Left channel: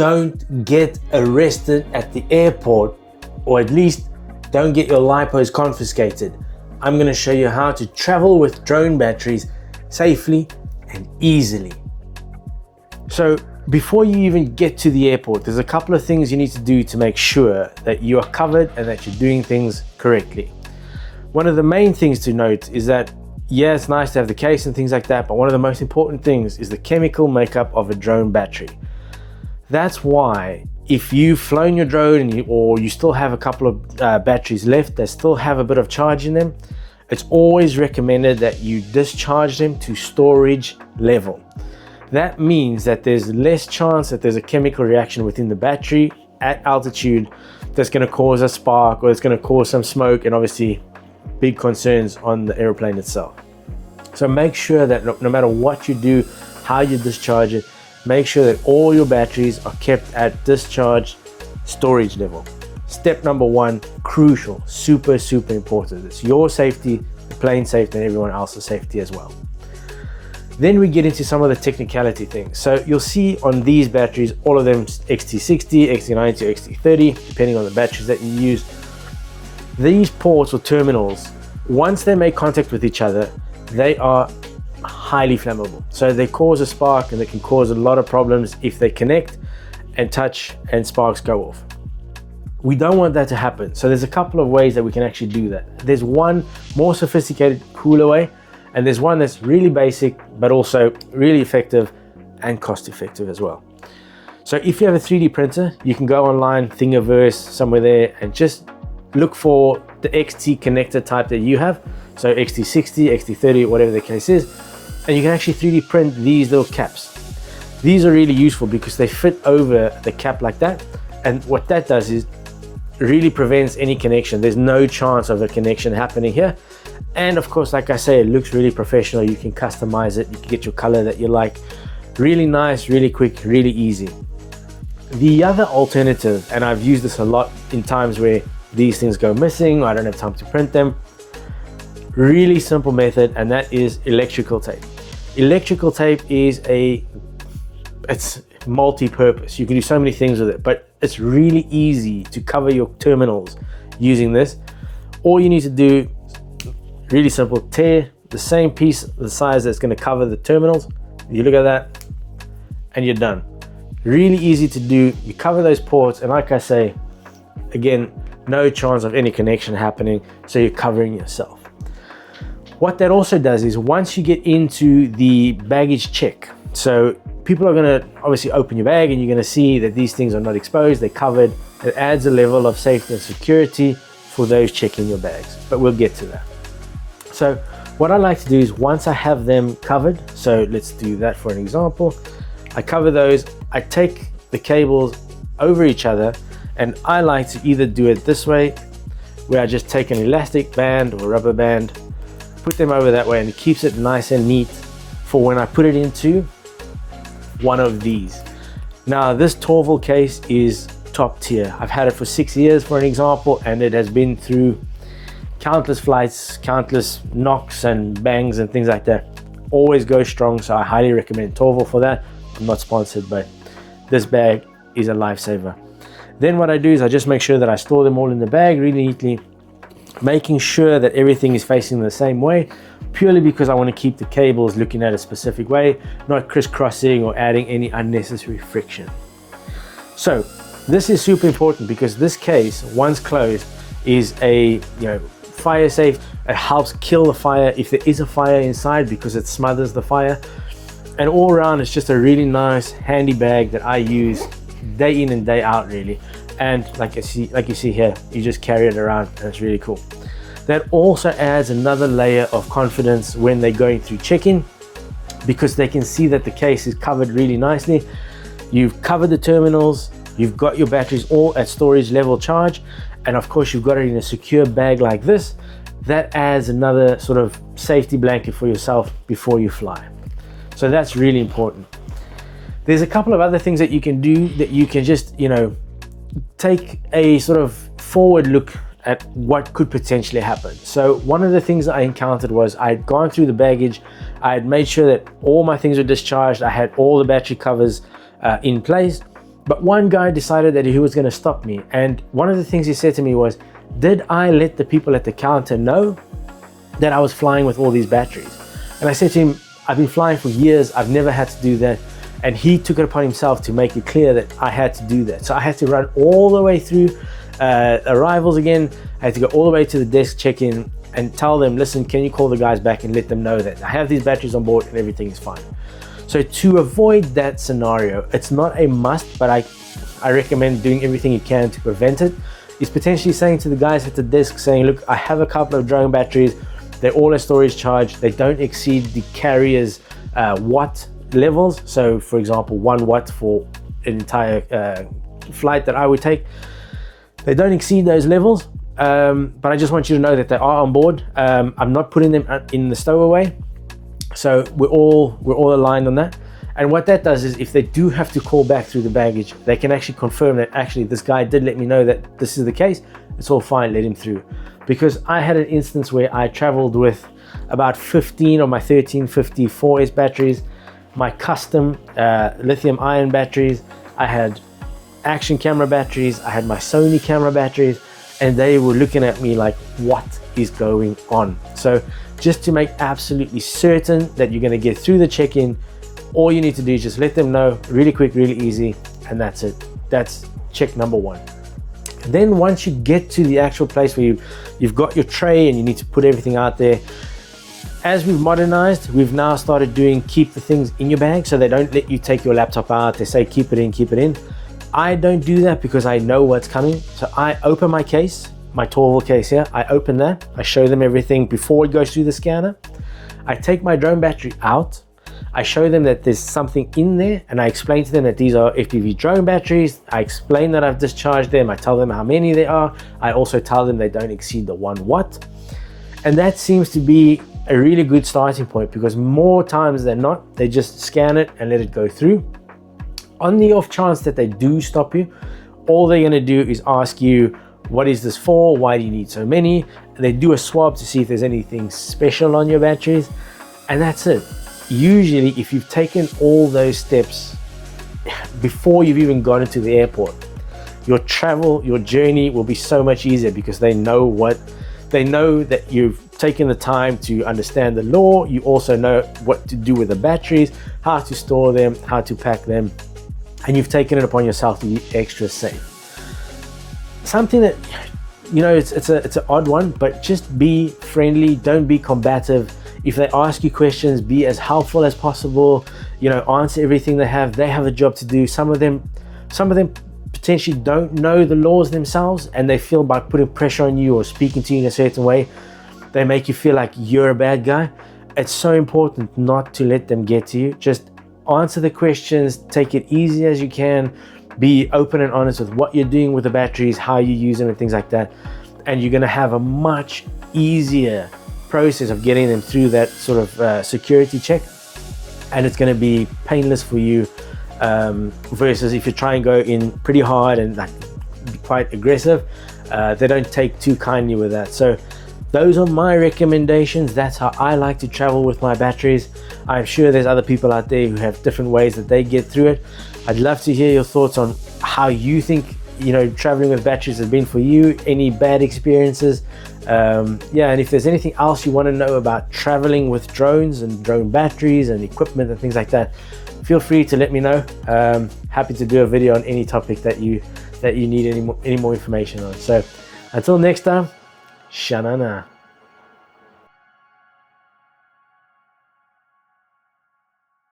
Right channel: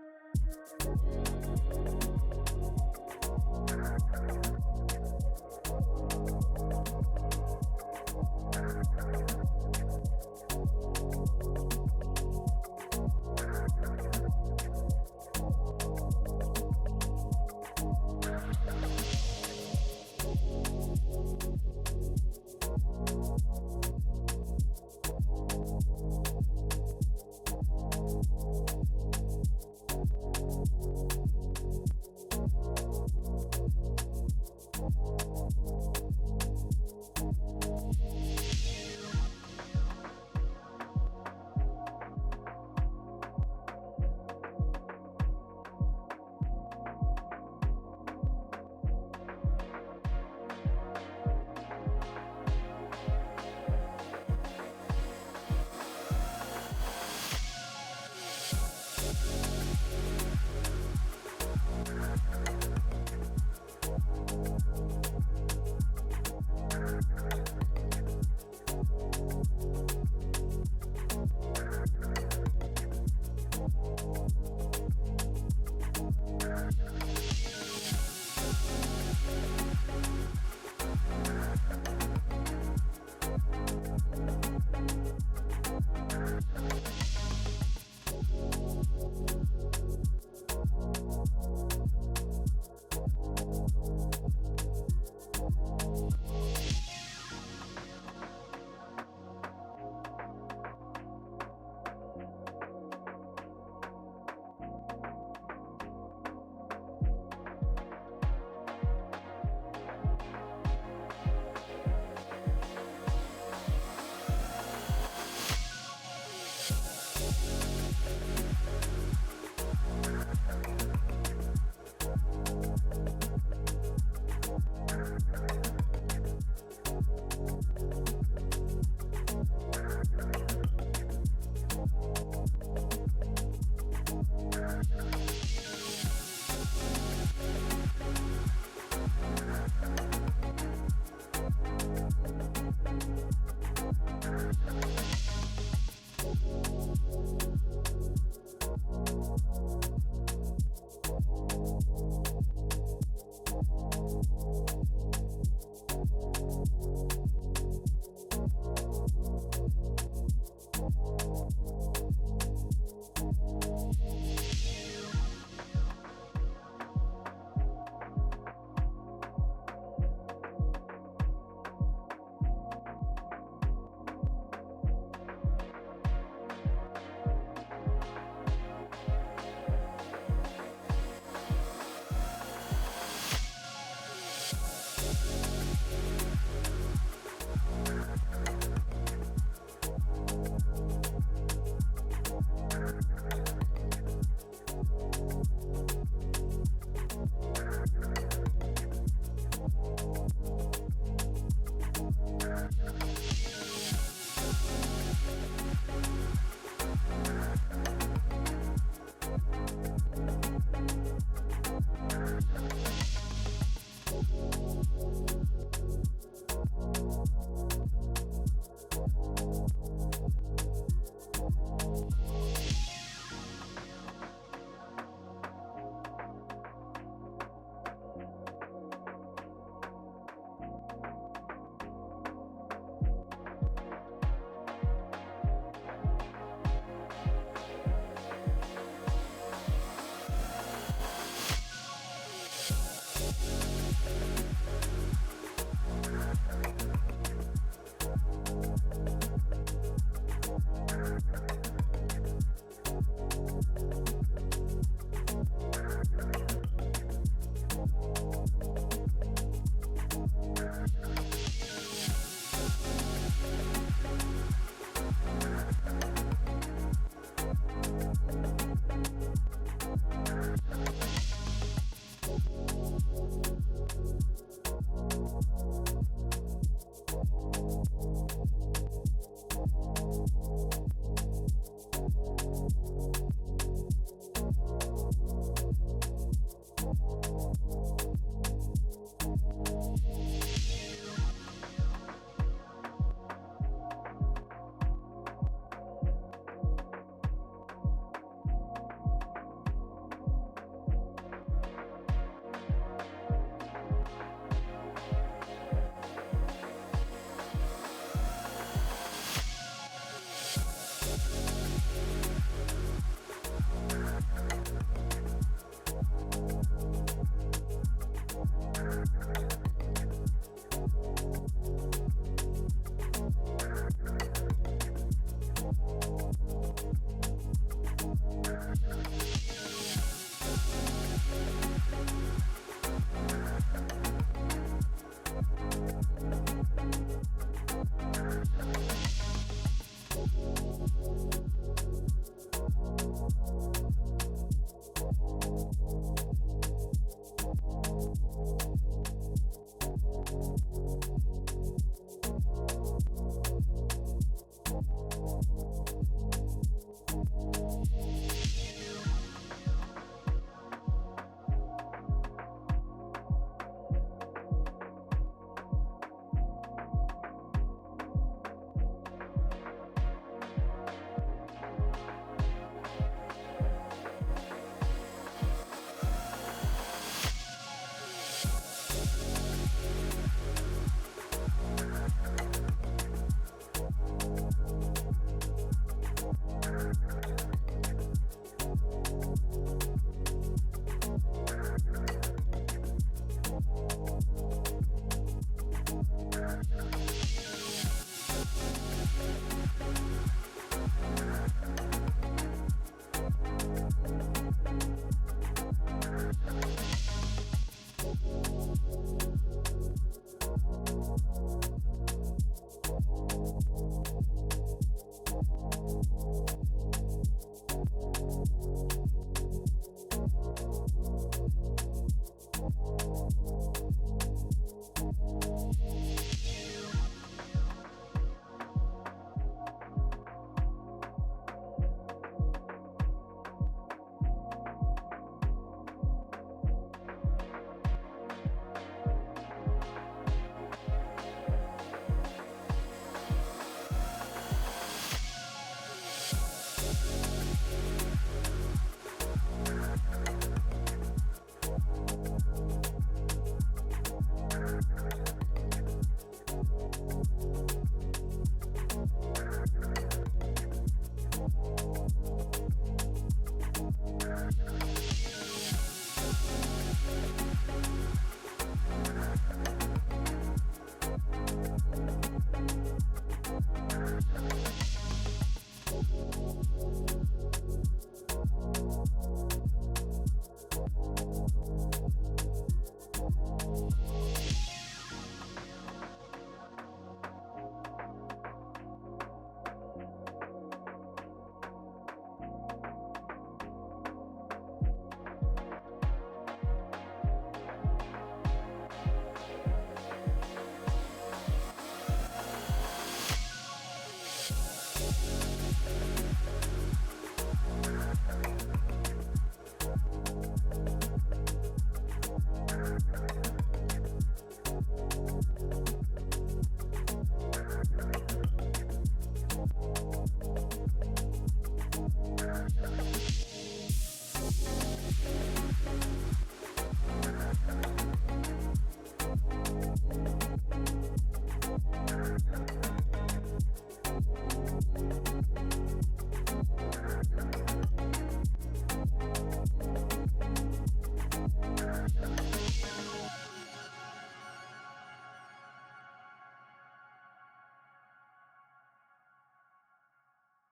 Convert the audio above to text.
don't get arrested at the airport, or at least don't get your lipos confiscated. I'm going to show you how to travel with drone batteries safely and easily. So before you even get to the airport, there's a couple of things you need to do to make sure that you are covered and that you're doing things correctly. One of the main things to note is that, yeah, it's nice to have the case and things like that, but one of the most important things is the chemical makeup of a drone battery. That's why if you've flown your drone or you still have a couple of batteries left that still have a bit of charge in them, it's always recommended that you discharge them to storage level. That means that there's less chance that there's a chemical reaction within the battery at altitude that's going to cause a spark or it's going to cause some smoke, and obviously big concerns on the airplane itself. So make sure that no matter what you do, how you discharge it, make sure that all your batteries are kept at discharge storage level. Step number one, crucial, super important. It's your safety, the plane safety, and everyone else's safety as well. Then we get into some of the technicality things. So you'll see on these batteries, all of them XT60, XT90, or XT30, depending on the batteries that you use. These ports or terminals, once they make contact with each other, they are highly flammable. So they cause a spark, and they can cause a lot of problems if they connect and touch and sparks go off. We don't want that to happen. So there's a couple of ways that we can actually do that. There's one more sophisticated, cooler way, and there's one that's really basic, but also really effective and cost effective as well. So if you have a 3D printer, you can go online, Thingiverse, somewhere there, and just look for the XT connector type that you have. So XT60, XT30, whatever the case is, and you can actually 3D print these little caps. These are really useful because they fit over the cap like that. And what that does is really prevents any connection. There's no chance of a connection happening here. And of course, like I say, it looks really professional. You can customize it. You can get your color that you like. Really nice, really quick, really easy. The other alternative, and I've used this a lot in times where these things go missing, or I don't have time to print them. Really simple method, and that is electrical tape. Electrical tape is it's multi-purpose. You can do so many things with it, but it's really easy to cover your terminals using this. All you need to do, really simple, tear the same piece, the size that's going to cover the terminals. You look at that and you're done. Really easy to do. You cover those ports, and like I say, again, no chance of any connection happening, so you're covering yourself. What that also does is once you get into the baggage check, so people are going to obviously open your bag and you're going to see that these things are not exposed, they're covered. It adds a level of safety and security for those checking your bags, but we'll get to that. So what I like to do is once I have them covered, so let's do that for an example. I cover those, I take the cables over each other, and I like to either do it this way, where I just take an elastic band or rubber band, put them over that way, and it keeps it nice and neat for when I put it into one of these. Now this Torval case is top tier. I've had it for 6 years for an example, and it has been through countless flights, countless knocks and bangs and things like that. Always go strong, so I highly recommend Torval for that. I'm not sponsored, but this bag is a lifesaver. Then what I do is I just make sure that I store them all in the bag really neatly, making sure that everything is facing the same way, purely because I want to keep the cables looking at a specific way, not crisscrossing or adding any unnecessary friction. So this is super important because this case, once closed, is a fire safe. It helps kill the fire if there is a fire inside because it smothers the fire. And all around, it's just a really nice, handy bag that I use day in and day out, really. And like you see here, you just carry it around, and it's really cool. That also adds another layer of confidence when they're going through check-in, because they can see that the case is covered really nicely. You've covered the terminals, you've got your batteries all at storage level charge, and of course you've got it in a secure bag like this. That adds another sort of safety blanket for yourself before you fly. So that's really important. There's a couple of other things that you can do that you can just, take a sort of forward look at what could potentially happen. So one of the things that I encountered was I had gone through the baggage, I had made sure that all my things were discharged, I had all the battery covers in place, But one guy decided that he was going to stop me. And one of the things he said to me was, did I let the people at the counter know that I was flying with all these batteries? And I said to him, I've been flying for years. I've never had to do that. And he took it upon himself to make it clear that I had to do that. So I had to run all the way through arrivals again. I had to go all the way to the desk check-in and tell them, listen, can you call the guys back and let them know that I have these batteries on board and everything is fine. So to avoid that scenario, it's not a must, but I recommend doing everything you can to prevent it. Is potentially saying to the guys at the desk, saying, look, I have a couple of drone batteries. They're all a storage charge. They don't exceed the carrier's watt levels. So for example, 1 watt for an entire flight that I would take. They don't exceed those levels, but I just want you to know that they are on board. I'm not putting them in the stowaway. So we're all aligned on that. And what that does is if they do have to call back through the baggage, they can actually confirm that actually this guy did let me know that this is the case. It's all fine, let him through. Because I had an instance where I traveled with about 15 of my 1350 4S batteries, my custom lithium ion batteries, I had action camera batteries, I had my Sony camera batteries, and they were looking at me like, what is going on? So just to make absolutely certain that you're going to get through the check-in, all you need to do is just let them know, really quick, really easy, and that's it. That's check number one. Then once you get to the actual place where you've got your tray and you need to put everything out there, as we've modernized, we've now started doing keep the things in your bag, so they don't let you take your laptop out. They say keep it in, keep it in. I don't do that because I know what's coming. So I open my case, my Torval case here, I open that, I show them everything before it goes through the scanner. I take my drone battery out, I show them that there's something in there, and I explain to them that these are FPV drone batteries. I explain that I've discharged them, I tell them how many there are. I also tell them they don't exceed the 1 watt. And that seems to be a really good starting point, because more times than not, they just scan it and let it go through. On the off chance that they do stop you, all they're gonna do is ask you, what is this for? Why do you need so many? And they do a swab to see if there's anything special on your batteries, and that's it. Usually, if you've taken all those steps before you've even gone into the airport, your travel, your journey will be so much easier, because they know that you've taken the time to understand the law. You also know what to do with the batteries, how to store them, how to pack them, and you've taken it upon yourself to be extra safe. Something that, you know, it's an odd one, but just be friendly, don't be combative. If they ask you questions, be as helpful as possible. You know, answer everything they have. They have a job to do. Some of them potentially don't know the laws themselves, and they feel by putting pressure on you or speaking to you in a certain way, they make you feel like you're a bad guy. It's so important not to let them get to you. Just answer the questions, take it easy as you can, be open and honest with what you're doing with the batteries, how you use them and things like that. And you're gonna have a much easier process of getting them through that sort of security check, and it's going to be painless for you, versus if you try and go in pretty hard and like be quite aggressive, they don't take too kindly with that. So those are my recommendations. That's how I like to travel with my batteries. I'm sure there's other people out there who have different ways that they get through it. I'd love to hear your thoughts on how you think, you know, traveling with batteries has been for you, any bad experiences. Yeah, and if there's anything else you want to know about traveling with drones and drone batteries and equipment and things like that, feel free to let me know. Happy to do a video on any topic that you need any more information on. So until next time, Shanana.